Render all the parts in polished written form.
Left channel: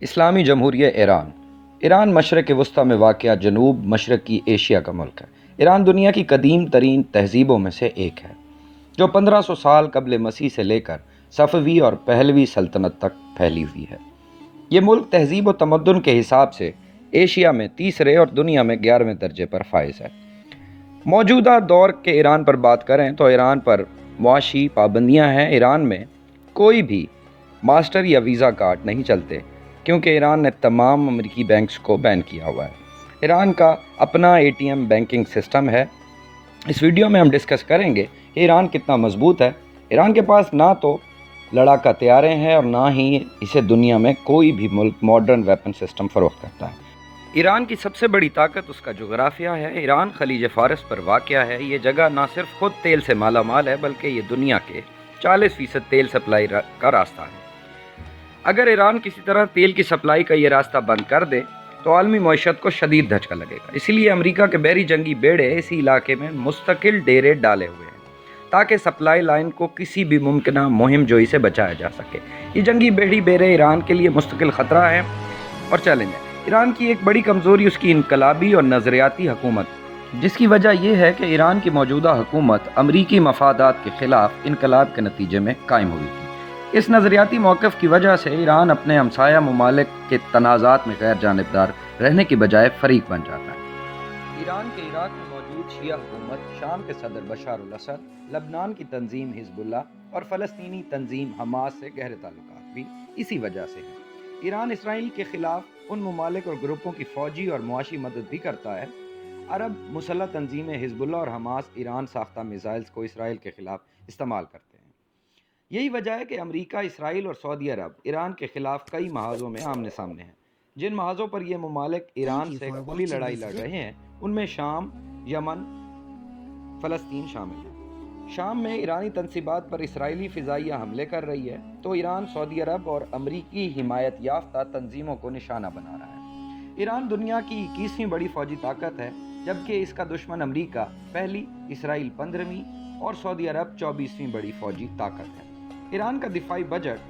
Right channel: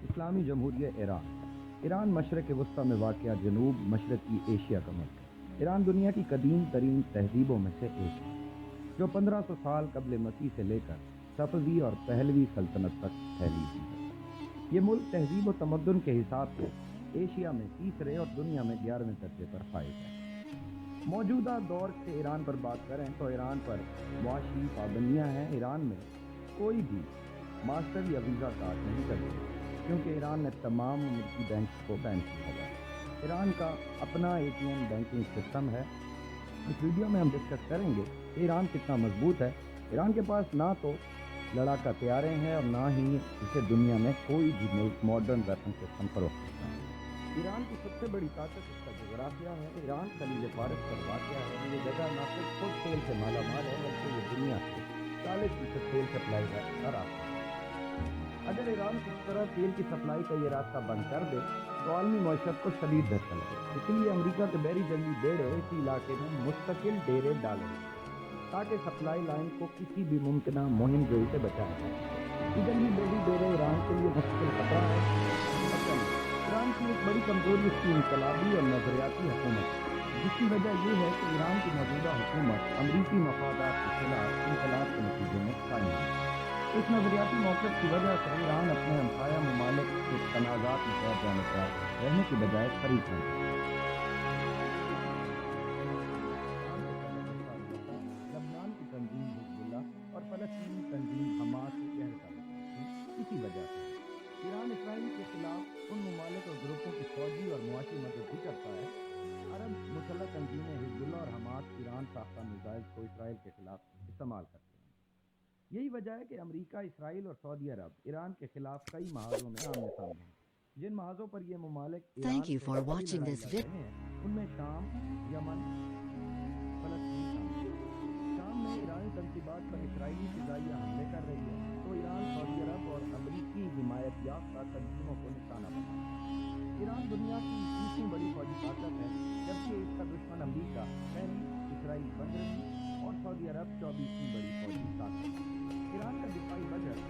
اسلامی جمہوریہ ایران۔ ایران مشرق وسطیٰ میں واقع جنوب مشرقی ایشیا کا ملک ہے۔ ایران دنیا کی قدیم ترین تہذیبوں میں سے ایک ہے، جو 1500 سال قبل مسیح سے لے کر صفوی اور پہلوی سلطنت تک پھیلی ہوئی ہے۔ یہ ملک تہذیب و تمدن کے حساب سے ایشیا میں تیسرے اور دنیا میں 11ویں درجے پر فائز ہے۔ موجودہ دور کے ایران پر بات کریں تو ایران پر معاشی پابندیاں ہیں۔ ایران میں کوئی بھی ماسٹر یا ویزا کارڈ نہیں چلتے، کیونکہ ایران نے تمام امریکی بینکس کو بین کیا ہوا ہے۔ ایران کا اپنا ATM بینکنگ سسٹم ہے۔ اس ویڈیو میں ہم ڈسکس کریں گے کہ ایران کتنا مضبوط ہے۔ ایران کے پاس نہ تو لڑاکا طیارے ہیں اور نہ ہی اسے دنیا میں کوئی بھی ملک ماڈرن ویپن سسٹم فروخت کرتا ہے۔ ایران کی سب سے بڑی طاقت اس کا جغرافیہ ہے۔ ایران خلیج فارس پر واقع ہے۔ یہ جگہ نہ صرف خود تیل سے مالا مال ہے، بلکہ یہ دنیا کے 40% تیل سپلائی کا راستہ ہے۔ اگر ایران کسی طرح تیل کی سپلائی کا یہ راستہ بند کر دے تو عالمی معیشت کو شدید دھچکا لگے گا۔ اسی لیے امریکہ کے بحری جنگی بیڑے اسی علاقے میں مستقل ڈیرے ڈالے ہوئے ہیں، تاکہ سپلائی لائن کو کسی بھی ممکنہ مہم جوئی سے بچایا جا سکے۔ یہ جنگی بحری بیڑے ایران کے لیے مستقل خطرہ ہیں اور چیلنج ہے۔ ایران کی ایک بڑی کمزوری اس کی انقلابی اور نظریاتی حکومت، جس کی وجہ یہ ہے کہ ایران کی موجودہ حکومت امریکی مفادات کے خلاف انقلاب کے نتیجے میں قائم ہوئی تھی۔ اس نظریاتی موقف کی وجہ سے ایران اپنے ہمسایہ ممالک کے تنازعات میں غیر جانبدار رہنے کی بجائے فریق بن جاتا ہے۔ ایران کے عراق میں موجود شیعہ حکومت، شام کے صدر بشار الاسد، لبنان کی تنظیم حزب اللہ اور فلسطینی تنظیم حماس سے گہرے تعلقات بھی اسی وجہ سے ہیں۔ ایران اسرائیل کے خلاف ان ممالک اور گروپوں کی فوجی اور معاشی مدد بھی کرتا ہے۔ عرب مسلح تنظیمیں حزب اللہ اور حماس ایران ساختہ میزائلز کو اسرائیل کے خلاف استعمال کرتے ہیں۔ یہی وجہ ہے کہ امریکہ، اسرائیل اور سعودی عرب ایران کے خلاف کئی محاذوں میں آمنے سامنے ہیں۔ جن محاذوں پر یہ ممالک ایران سے کھلی لڑائی لڑ رہے ہیں، ان میں شام، یمن، فلسطین شامل ہے۔ شام میں ایرانی تنصیبات پر اسرائیلی فضائیہ حملے کر رہی ہے، تو ایران سعودی عرب اور امریکی حمایت یافتہ تنظیموں کو نشانہ بنا رہا ہے۔ ایران دنیا کی 21ویں بڑی فوجی طاقت ہے، جبکہ اس کا دشمن امریکہ پہلی، اسرائیل 15ویں اور سعودی عرب 24ویں بڑی فوجی طاقت ہے۔ ایران کا دفاعی بجٹ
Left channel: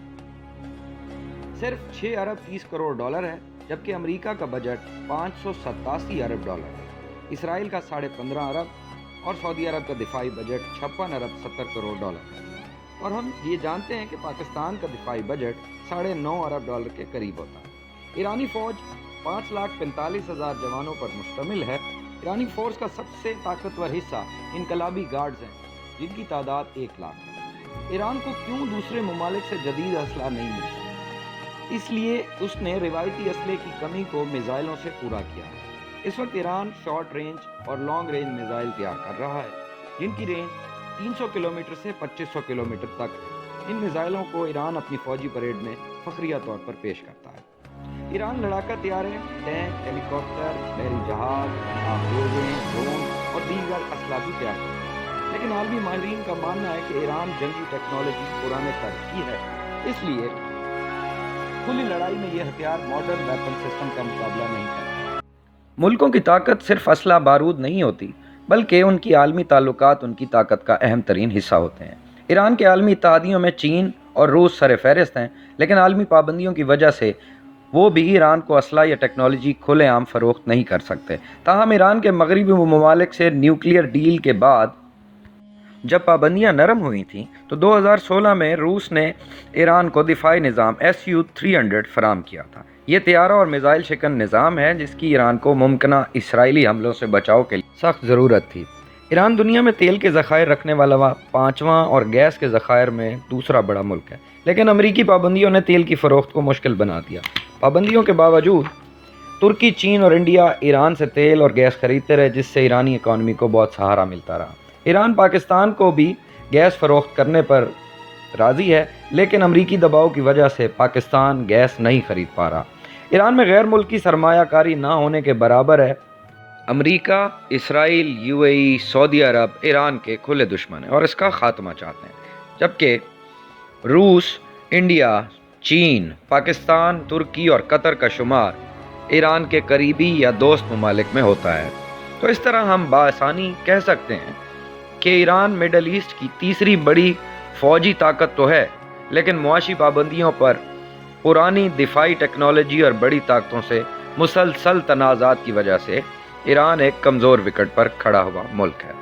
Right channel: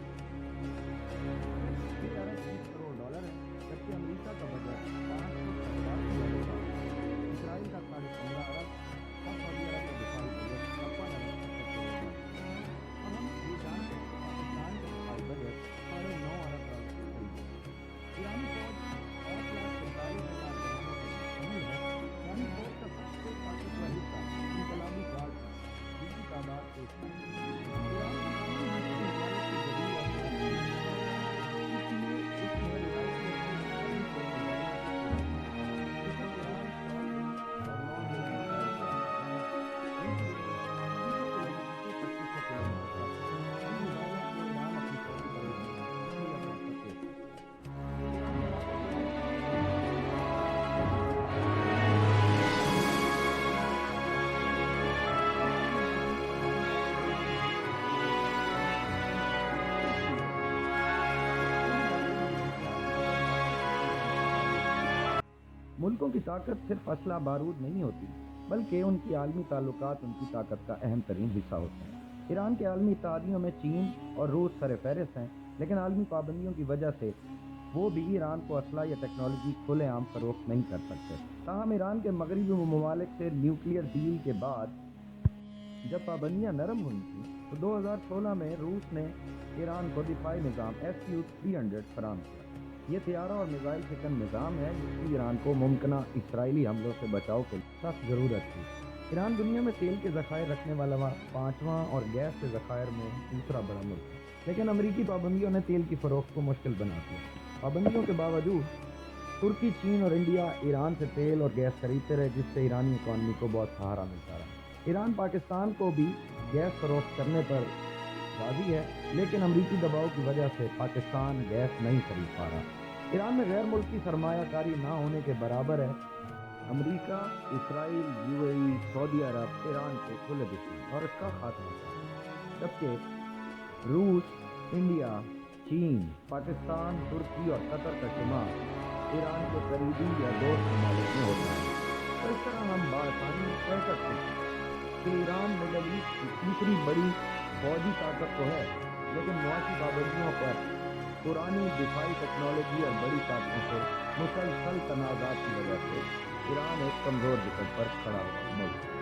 صرف 6 ارب 30 کروڑ ڈالر ہے، جبکہ امریکہ کا بجٹ 587 ارب ڈالر ہے۔ اسرائیل کا 15.5 ارب اور سعودی عرب کا دفاعی بجٹ 56 ارب 70 کروڑ ڈالر ہے۔ اور ہم یہ جانتے ہیں کہ پاکستان کا دفاعی بجٹ 9.5 ارب ڈالر کے قریب ہوتا ہے۔ ایرانی فوج 5,45,000 جوانوں پر مشتمل ہے۔ ایرانی فورس کا سب سے طاقتور حصہ انقلابی گارڈز ہیں، جن کی تعداد 1 لاکھ ہے۔ ایران کو کیوں دوسرے ممالک سے جدید اسلحہ نہیں ملتا؟ اس لیے اس نے روایتی اسلحے کی کمی کو میزائلوں سے پورا کیا۔ اس وقت ایران شارٹ رینج اور لانگ رینج میزائل تیار کر رہا ہے، جن کی رینج 300 کلومیٹر سے 2500 کلومیٹر تک ہے۔ ان میزائلوں کو ایران اپنی فوجی پریڈ میں فخریہ طور پر پیش کرتا ہے۔ ایران لڑاکا طیارے، ٹینک، ہیلی کاپٹر، بحری جہاز اور دیگر اسلحہ بھی تیار کرتا ہے۔ لیکن عالمی ماہرین کا ماننا ہے کہ ایران جنگی ٹیکنالوجی پرانے طرز کی ہے، اس لیے کھلی لڑائی میں یہ ہتھیار ماڈرن ویپن سسٹم کا مقابلہ نہیں کرتا۔ ملکوں کی طاقت صرف اسلحہ بارود نہیں ہوتی، بلکہ ان کی عالمی تعلقات ان کی طاقت کا اہم ترین حصہ ہوتے ہیں۔ ایران کے عالمی اتحادیوں میں چین اور روس سر فہرست ہیں، لیکن عالمی پابندیوں کی وجہ سے وہ بھی ایران کو اسلحہ یا ٹیکنالوجی کھلے عام فروخت نہیں کر سکتے۔ تاہم ایران کے مغربی ممالک سے نیوکلیئر ڈیل کے بعد جب پابندیاں نرم ہوئی تھیں تو 2016 میں روس نے ایران کو دفاعی نظام Su-300 فراہم کیا تھا۔ یہ طیارہ اور میزائل شکن نظام ہے جس کی ایران کو ممکنہ اسرائیلی حملوں سے بچاؤ کے لیے سخت ضرورت تھی۔ ایران دنیا میں تیل کے ذخائر رکھنے والا 5واں اور گیس کے ذخائر میں دوسرا بڑا ملک ہے، لیکن امریکی پابندیوں نے تیل کی فروخت کو مشکل بنا دیا۔ پابندیوں کے باوجود ترکی، چین اور انڈیا ایران سے تیل اور گیس خریدتے رہے، جس سے ایرانی اکانومی کو بہت سہارا ملتا رہا۔ ایران پاکستان کو بھی گیس فروخت کرنے پر راضی ہے، لیکن امریکی دباؤ کی وجہ سے پاکستان گیس نہیں خرید پا رہا۔ ایران میں غیر ملکی سرمایہ کاری نہ ہونے کے برابر ہے۔ امریکہ، اسرائیل، UAE، سعودی عرب ایران کے کھلے دشمن ہیں اور اس کا خاتمہ چاہتے ہیں، جبکہ روس، انڈیا، چین، پاکستان، ترکی اور قطر کا شمار ایران کے قریبی یا دوست ممالک میں ہوتا ہے۔ تو اس طرح ہم بآسانی کہہ سکتے ہیں کہ ایران مڈل ایسٹ کی تیسری بڑی فوجی طاقت تو ہے، لیکن معاشی پابندیوں پر پرانی دفاعی ٹیکنالوجی اور بڑی طاقتوں سے مسلسل تنازعات کی وجہ سے ایران ایک کمزور وکٹ پر کھڑا ہوا ملک ہے۔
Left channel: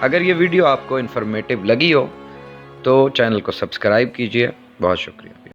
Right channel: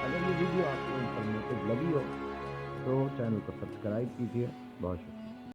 اگر یہ ویڈیو آپ کو انفارمیٹیو لگی ہو تو چینل کو سبسکرائب کیجیے۔ بہت شکریہ۔